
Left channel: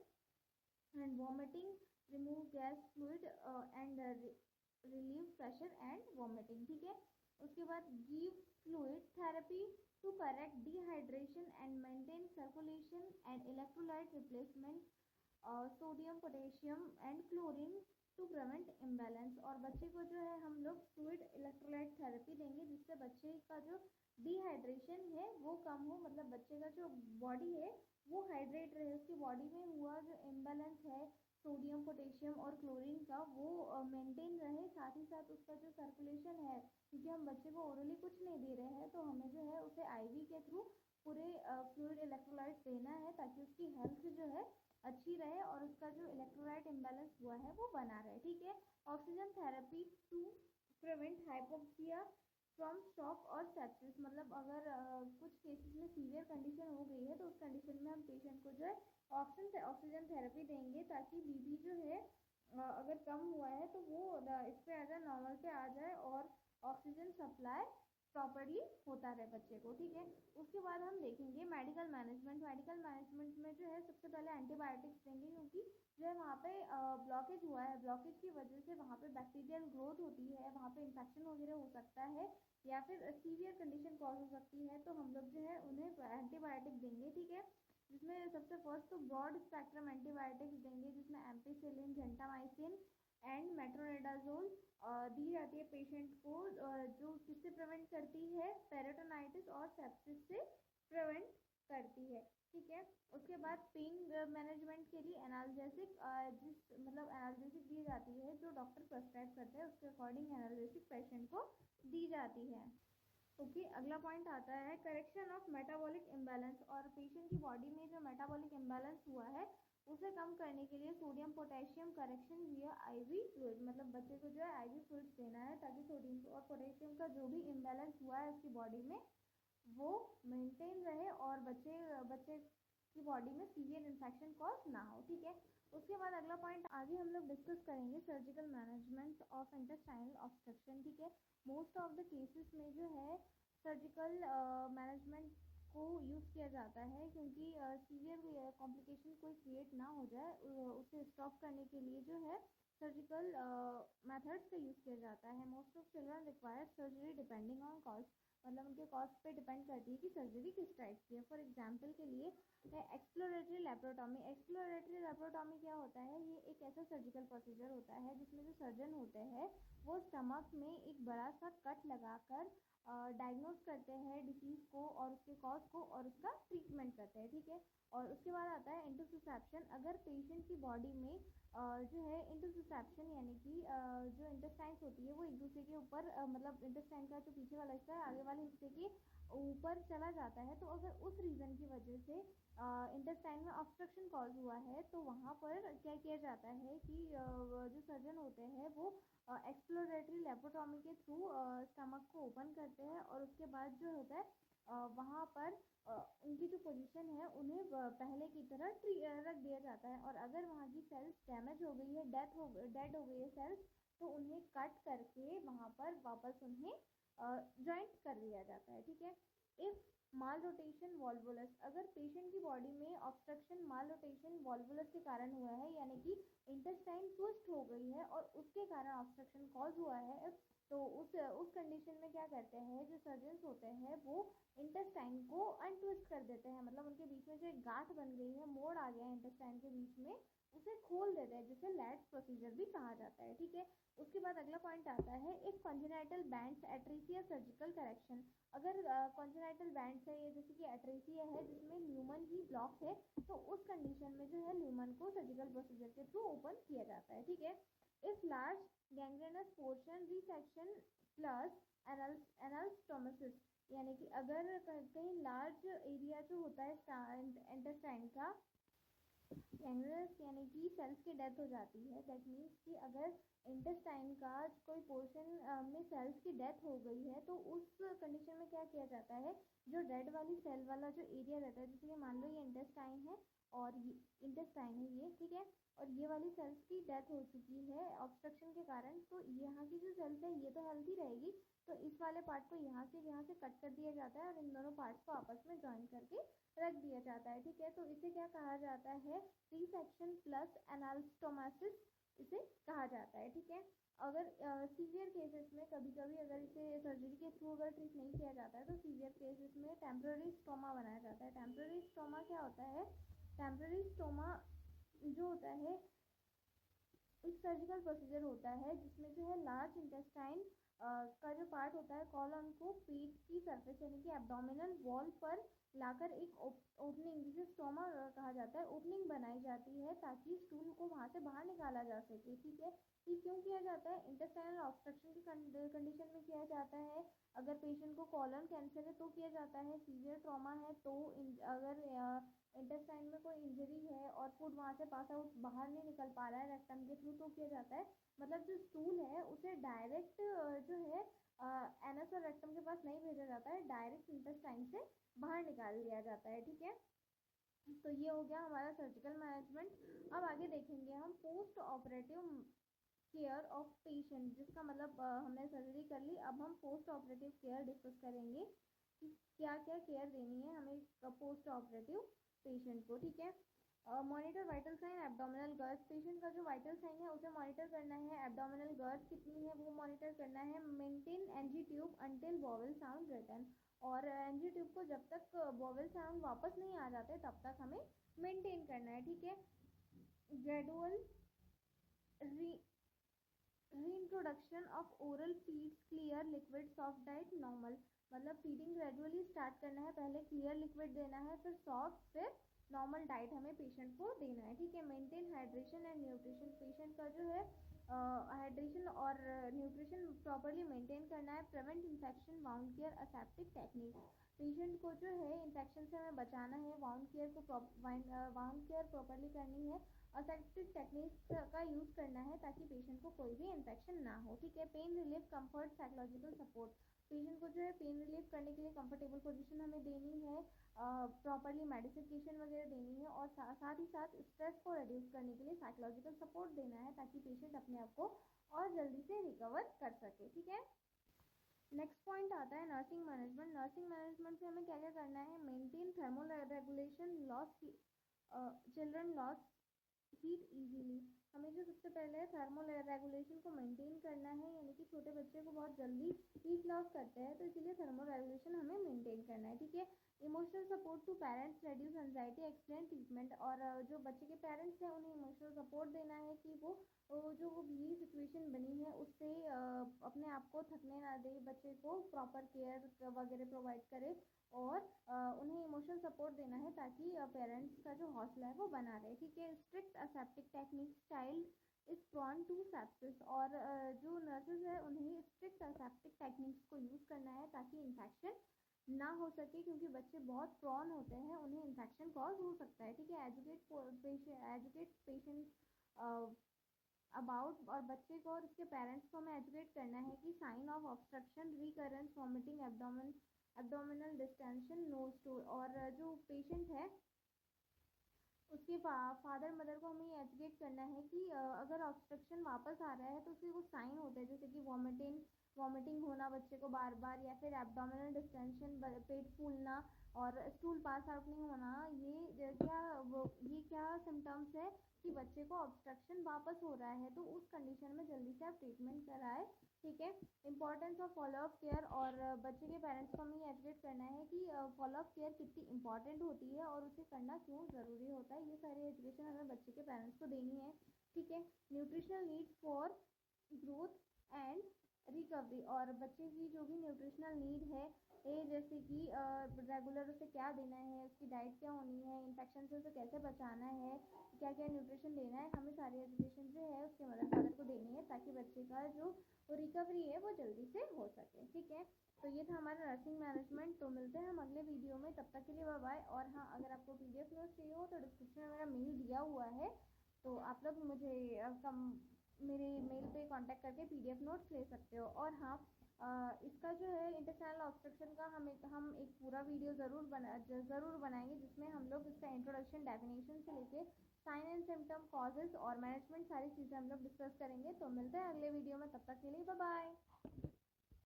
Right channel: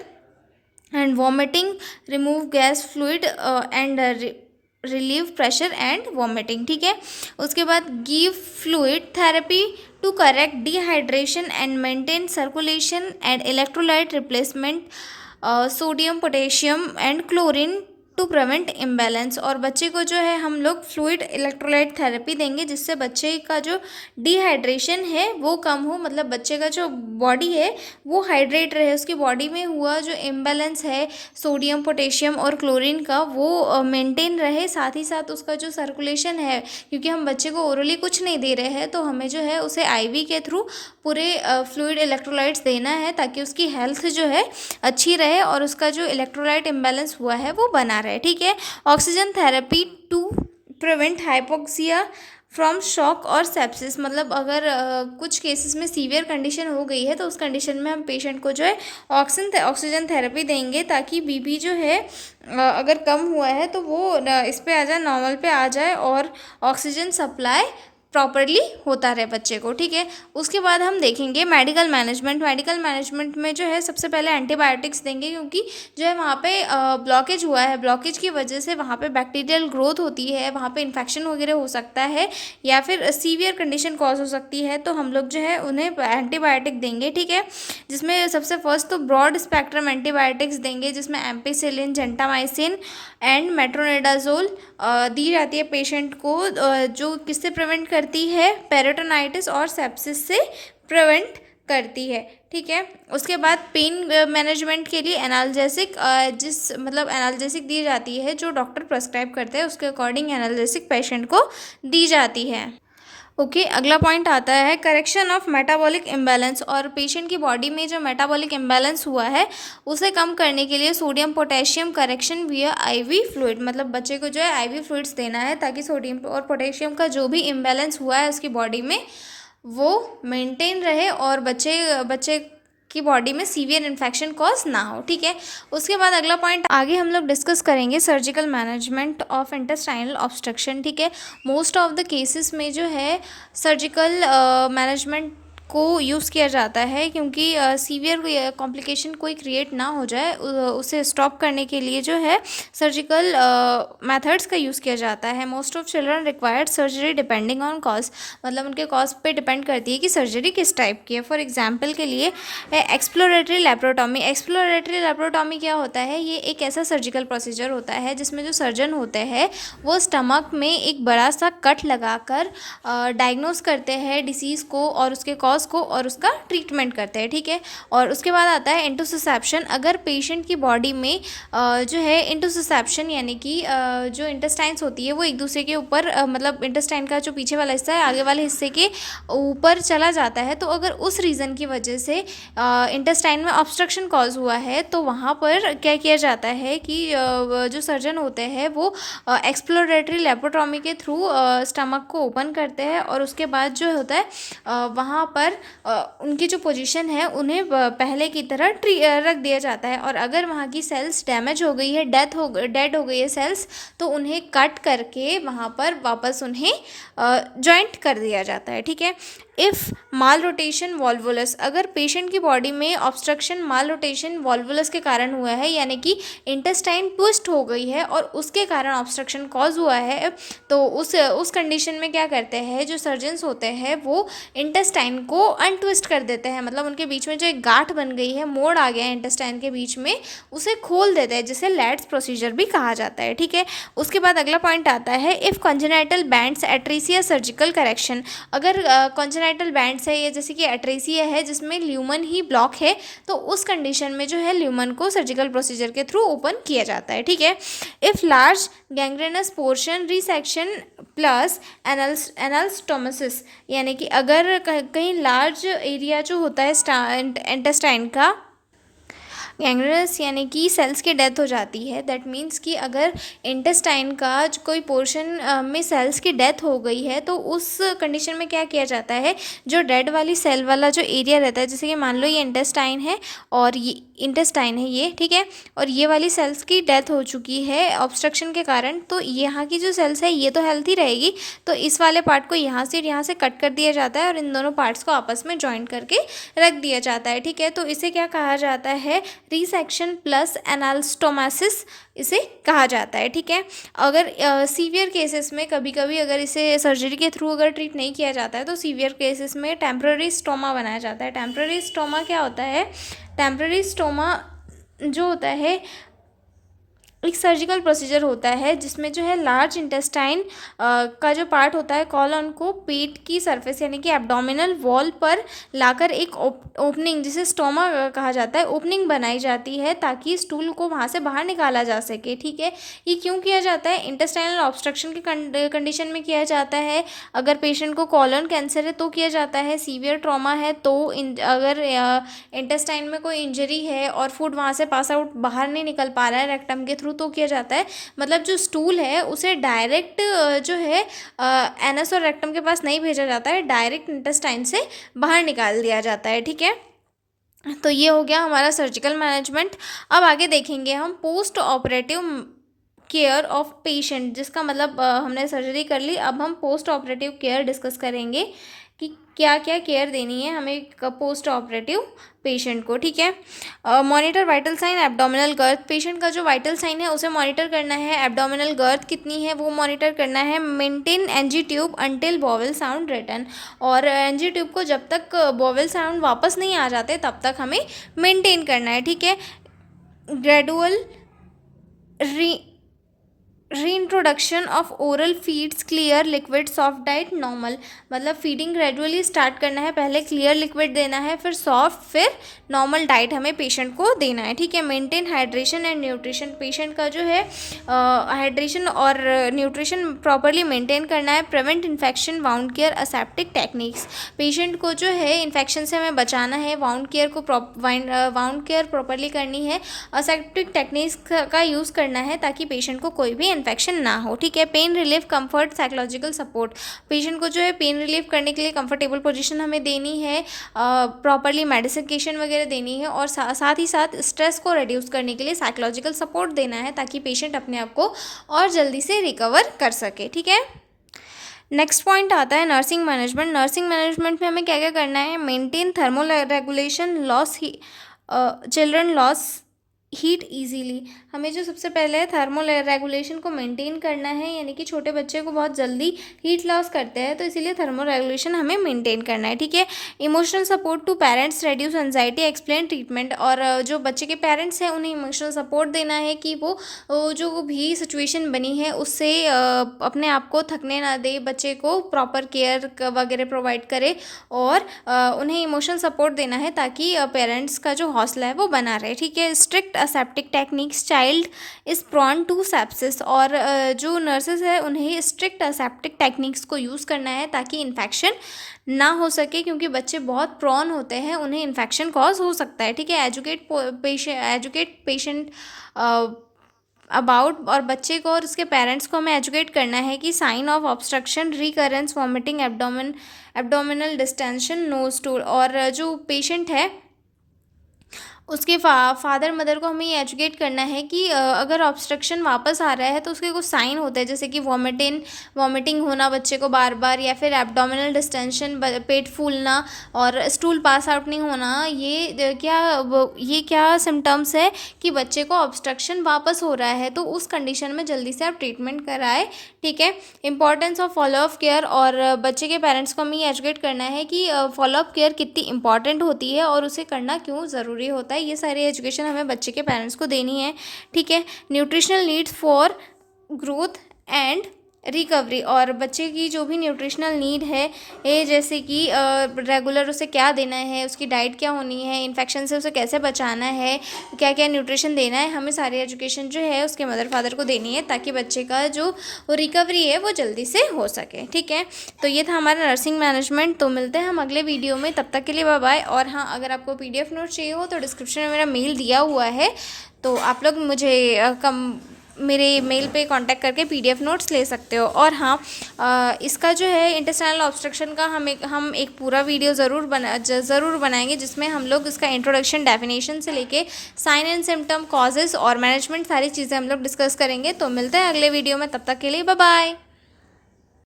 and vomiting, remove gas fluid and relieve pressure and vomiting, ठीक है। उसके बाद give fluid therapy to correct dehydration and maintain circulation and electrolyte replacement, sodium potassium and chlorine to prevent imbalance, और बच्चे को जो है हम लोग फ्लूइड इलेक्ट्रोलाइट थेरेपी देंगे, जिससे बच्चे का जो डिहाइड्रेशन है वो कम हो, मतलब बच्चे का जो बॉडी है वो हाइड्रेट रहे, उसकी बॉडी में हुआ जो इम्बैलेंस है सोडियम पोटेशियम और क्लोरीन का वो मेंटेन रहे, साथ ही साथ उसका जो सर्कुलेशन है, क्योंकि हम बच्चे को ओरली कुछ नहीं दे रहे हैं, तो हमें जो है उसे आईवी के थ्रू पूरे फ्लूइड इलेक्ट्रोलाइट्स देना है, ताकि उसकी हेल्थ जो है अच्छी रहे और उसका जो इलेक्ट्रोलाइट इम्बैलेंस हुआ है वो बना रहे, ठीक है। Oxygen therapy to prevent hypoxia from shock और सेप्सिस, मतलब अगर कुछ केसेस में सीवियर कंडीशन हो गई है तो उस कंडीशन में हम पेशेंट को जो है ऑक्सीजन थेरेपी देंगे, ताकि बीपी जो है अगर कम हुआ है तो वो इस पे आ जाए, नॉर्मल पे आ जाए, और ऑक्सीजन सप्लाई प्रॉपरली होता रहे बच्चे को, ठीक है। उसके बाद हम देखेंगे मेडिकल मैनेजमेंट में जो है सबसे पहले एंटीबायोटिक्स देंगे, क्योंकि जो है वहाँ पे ब्लॉकेज हुआ है, ब्लॉकेज की वजह से वहाँ पे बैक्टीरियल ग्रोथ होती है, वहाँ पे इन्फेक्शन वगैरह हो सकता है, या फिर सीवियर कंडीशन कॉज हो सकती है, तो हम लोग जो है उन्हें एंटीबायोटिक देंगे, ठीक है। जिसमें सबसे फर्स्ट तो ब्रॉड स्पेक्ट्रम एंटीबायोटिक्स देंगे, जिसमें एम्पिसिलिन, जेंटामाइसिन एंड मेट्रोनिडाजोल दी जाती है पेशेंट को, जो किससे प्रिवेंट करती है, पेरिटोनाइटिस और सेप्सिस से प्रिवेंट करती है, ठीक है। उसके बाद पेन मैनेजमेंट के लिए एनाल्जेसिक एनाल्जेसिक दी जाती है, जो डॉक्टर प्रेस्क्राइब करते हैं उसके अकॉर्डिंग एनाल्जेसिक पेशेंट को दी जाती है। ओके, अगला पॉइंट आता है करेक्शन ऑफ मेटाबॉलिक इम्बैलेंस। और पेशेंट की बॉडी में जो मेटाबॉलिक इम्बैलेंस हुआ है उसे कम करने के लिए सोडियम पोटेशियम करेक्शन विया आईवी फ्लूइड, मतलब बच्चे को जो है आईवी फ्लूइड्स देना है ताकि सोडियम और पोटेशियम का जो भी इम्बैलेंस हुआ है उसकी बॉडी में वो मेंटेन रहे और बच्चे बच्चे की बॉडी में सीवियर इन्फेक्शन कॉज ना हो। ठीक है। उसके बाद अगला पॉइंट आगे हम लोग डिस्कस करेंगे surgical management of intestinal obstruction. ठीक है। मोस्ट ऑफ द केसेस में जो है सर्जिकल मैनेजमेंट को यूज़ किया जाता है, क्योंकि सीवियर कॉम्प्लिकेशन कोई क्रिएट ना हो जाए उसे स्टॉप करने के लिए जो है सर्जिकल मेथड्स का यूज़ किया जाता है। Most of children required surgery depending on cause, मतलब उनके कॉज पे डिपेंड करती है कि सर्जरी किस टाइप की है। फॉर एग्जांपल के लिए एक्सप्लोरेटरी लेप्रोटॉमी। एक्सप्लोरेटरी लेप्रोटॉमी क्या होता है, ये एक ऐसा सर्जिकल प्रोसीजर होता है जिसमें जो सर्जन होते हैं वो स्टमक में एक बड़ा सा कट लगाकर डायग्नोस करते हैं डिसीज़ को और उसके कॉज को और उसका ट्रीटमेंट करते हैं। ठीक है। और उसके बाद आता है इंटोसिसेप्शन। अगर पेशेंट की बॉडी में जो है इंटोसिसेप्शन यानी कि जो इंटेस्टाइन्स होती है वो एक दूसरे के ऊपर मतलब इंटेस्टाइन का जो पीछे वाला हिस्सा है आगे वाले हिस्से के ऊपर चला जाता है, तो अगर उस रीज़न की वजह से इंटेस्टाइन में ऑब्स्ट्रक्शन कॉज हुआ है तो वहाँ पर क्या किया जाता है कि जो सर्जन होते हैं वो एक्सप्लोरेटरी लेप्रोटॉमी के थ्रू स्टमक को ओपन करते हैं और उसके बाद जो होता है वहाँ पर उनकी जो पोजीशन है उन्हें पहले की तरह रख दिया जाता है। और अगर वहाँ की सेल्स डैमेज हो गई है, डेड हो गई है सेल्स, तो उन्हें कट करके वहाँ पर वापस उन्हें जॉइंट कर दिया जाता है। ठीक है। इफ़ माल रोटेशन वॉल्वुलस, अगर पेशेंट की बॉडी में ऑब्स्ट्रक्शन माल रोटेशन वॉल्वुलस के कारण हुआ है यानी कि इंटेस्टाइन ट्विस्ट हो गई है और उसके कारण ऑब्स्ट्रक्शन कॉज हुआ है, तो उस कंडीशन में क्या करते हैं जो सर्जन्स होते हैं वो इंटेस्टाइन को अनट्विस्ट कर देते हैं, मतलब उनके बीच में जो एक गांठ बन गई है, मोड़ आ गया है इंटेस्टाइन के बीच में, उसे खोल देते हैं, जिसे लैट्स प्रोसीजर भी कहा जाता है। ठीक है। उसके बाद अगला पॉइंट आता है if congenital bands atresia surgical correction. अगर कॉन्जेनाइटल बैंड्स है, ये जैसे कि एट्रीसिया है जिसमें ल्यूमन ही ब्लॉक है, तो उस कंडीशन में जो है ल्यूमन को सर्जिकल प्रोसीजर के थ्रू ओपन किया जाता है। ठीक है। If large gangrenous portion resection plus anastomosis, यानी कि अगर कहीं लार्ज एरिया जो होता है इंटेस्टाइन का गैंग्रेनस यानी कि सेल्स की डेथ हो जाती है, दैट मीन्स कि अगर इंटेस्टाइन का कोई पोर्शन में सेल्स की डेथ हो गई है तो उस कंडीशन में क्या किया जाता है, जो डेड वाली सेल वाला जो एरिया रहता है, जैसे कि मान लो ये इंटेस्टाइन है और ये इंटेस्टाइन है ये, ठीक है, और ये वाली सेल्स की डेथ हो चुकी है ऑब्स्ट्रक्शन के कारण, तो यहाँ की जो सेल्स है ये तो हेल्थी रहेगी, तो इस वाले पार्ट को यहाँ से और यहाँ से कट कर दिया जाता है और इन दोनों पार्ट्स को आपस में जॉइंट करके रख दिया जाता है। ठीक है। तो इसे क्या कहा जाता है, रिसेक्शन प्लस एनाल्स्टोमासिस इसे कहा जाता है। ठीक है। अगर सीवियर केसेस में कभी कभी अगर इसे सर्जरी के थ्रू अगर ट्रीट नहीं किया जाता है तो सीवियर केसेस में टेम्पररी स्टोमा बनाया जाता है। टेम्पररी स्टोमा क्या होता है, टेम्पररी स्टोमा जो होता है एक सर्जिकल प्रोसीजर होता है जिसमें जो है लार्ज इंटेस्टाइन का जो पार्ट होता है कॉलन को पेट की सरफेस यानी कि एब्डोमिनल वॉल पर लाकर एक ओपनिंग जिसे स्टोमा कहा जाता है ओपनिंग बनाई जाती है ताकि स्टूल को वहाँ से बाहर निकाला जा सके। ठीक है। ये क्यों किया जाता है, इंटेस्टाइनल ऑब्स्ट्रक्शन के कंडीशन में किया जाता है, अगर पेशेंट को कॉलन कैंसर है तो किया जाता है, सीवियर ट्रॉमा है तो अगर इंटेस्टाइन में कोई इंजरी है और फूड वहाँ से पास आउट बाहर नहीं निकल पा रहा है रेक्टम के थ्रू तो किया जाता है, मतलब जो स्टूल है उसे डायरेक्ट जो है एनस और रेक्टम के पास नहीं भेजा जाता है, डायरेक्ट इंटेस्टाइन से बाहर निकाल दिया जाता है। ठीक है। तो ये हो गया हमारा सर्जिकल मैनेजमेंट। अब आगे देखेंगे हम post operative care of patient, जिसका मतलब हमने सर्जरी कर ली, अब हम पोस्ट ऑपरेटिव केयर डिस्कस करेंगे कि क्या क्या केयर देनी है हमें पोस्ट ऑपरेटिव पेशेंट को। ठीक है। Monitor vital sign abdominal girth, patient का जो वाइटल साइन है उसे मॉनिटर करना है, एब्डोमिनल गर्थ कितनी है वो मॉनिटर करना है, maintain NG tube until bowel sound return, और एनजी ट्यूब को जब तक बॉवेल साउंड वापस नहीं आ जाते तब तक हमें मेंटेन करना है। ठीक है। Gradual reintroduction of oral feeds clear liquid soft diet normal, मतलब फीडिंग ग्रेजुअली स्टार्ट करना है, पहले क्लियर लिक्विड देना है, फिर सॉफ्ट, फिर नॉर्मल डाइट हमें पेशेंट को देना है, ठीक है। Maintain hydration and nutrition, patient का जो है हाइड्रेशन और न्यूट्रिशन प्रॉपरली मेंटेन करना है। Prevent infection, wound care, aseptic techniques, patient को जो है इन्फेक्शन से हमें बचाना है, वाउंड केयर प्रॉपरली करनी है, असेप्टिक टेक्निक्स का यूज़ करना है ताकि पेशेंट को कोई भी इन्फेक्शन ना हो, ठीक है। Pain relief, comfort, psychological support, patient को जो है पेन रिलीफ करने के लिए कंफर्टेबल पोजीशन हमें देनी है, प्रॉपरली मेडिसिकेशन वगैरह देनी है, और साथ ही साथ स्ट्रेस को रिड्यूस करने के लिए साइकोलॉजिकल सपोर्ट देना है ताकि पेशेंट अपने आप को और जल्दी से रिकवर कर सके, ठीक है। नेक्स्ट पॉइंट आता है नर्सिंग मैनेजमेंट। नर्सिंग मैनेजमेंट में हमें क्या क्या करना है? Maintain thermo regulation, loss children loss heat easily, हमें जो सबसे पहले है थर्मो रेगुलेशन को मेंटेन करना है, यानी कि छोटे बच्चे को बहुत जल्दी हीट लॉस करते हैं, तो इसीलिए थर्मो रेगुलेशन हमें मेंटेन करना है, ठीक है। Emotional support to parents, reduce anxiety, explain treatment, और जो बच्चे के पेरेंट्स हैं उन्हें इमोशनल सपोर्ट देना है कि वो जो भी सिचुएशन बनी है उससे अपने आप को थकने ना दे, बच्चे को प्रॉपर केयर वगैरह प्रोवाइड करे, और उन्हें इमोशनल सपोर्ट देना है ताकि पेरेंट्स का जो हौसला है वो बना रहे, ठीक है। Strict aseptic techniques, child is prone to sepsis, और जो नर्सेज है उन्हें स्ट्रिक्ट असेप्टिक टेक्निक्स को यूज़ करना है ताकि इन्फेक्शन ना हो सके, क्योंकि बच्चे बहुत प्रॉन होते हैं, उन्हें इन्फेक्शन कॉज हो सकता है, ठीक है। एजुकेट पेशेंट अबाउट, और बच्चे को और उसके पेरेंट्स को हमें एजुकेट करना है कि sign of obstruction, recurrence, vomiting, abdominal distension, nose tool, और जो पेशेंट है उसके फादर मदर को हमें ये एजुकेट करना है कि अगर ऑब्स्ट्रक्शन वापस आ रहा है तो उसके कुछ साइन होते हैं, जैसे कि वॉमिटिंग होना बच्चे को बार बार, या फिर एब्डोमिनल डिस्टेंशन, पेट फूलना, और स्टूल पास आउट नहीं होना, ये क्या सिम्टम्स है कि बच्चे को ऑब्स्ट्रक्शन वापस हो रहा है, तो उस कंडीशन में जल्दी से आप ट्रीटमेंट कराएं, ठीक है। इंपॉर्टेंस ऑफ फॉलोअप केयर, और बच्चे के पेरेंट्स को हमें ये एजुकेट करना है कि फॉलोअप केयर कितनी इंपॉर्टेंट होती है और उसे करना क्यों ज़रूरी होता है, ये सारी एजुकेशन हमें बच्चे के पेरेंट्स को देनी है, ठीक है। Nutritional needs for growth and recovery, और बच्चे की जो भी न्यूट्रिशनल नीड है, ये जैसे कि रेगुलर उसे क्या देना है, उसकी डाइट क्या होनी है, इन्फेक्शन से उसे कैसे बचाना है, क्या क्या न्यूट्रिशन देना है, हमें सारी एजुकेशन जो है उसके मदर फादर को देनी है ताकि बच्चे का जो रिकवरी है वो जल्दी से हो सके, ठीक है। तो ये था हमारा नर्सिंग मैनेजमेंट। तो मिलते हैं हम अगले वीडियो में, तब तक के लिए बाय बाय। और हाँ, अगर आपको PDF नोट चाहिए हो तो डिस्क्रिप्शन में मेरा मेल दिया हुआ है, तो आप लोग मुझे मेरे मेल पे कांटेक्ट करके PDF नोट्स ले सकते हो। और हाँ, इसका जो है इंटेस्टाइनल ऑब्स्ट्रक्शन का हम एक पूरा वीडियो ज़रूर बनाएंगे, जिसमें हम लोग इसका इंट्रोडक्शन, डेफिनेशन से लेके साइन एंड सिम्टम, कॉजेज़ और मैनेजमेंट, सारी चीज़ें हम लोग डिस्कस करेंगे। तो मिलते हैं अगले वीडियो में, तब तक के लिए बाय बाय।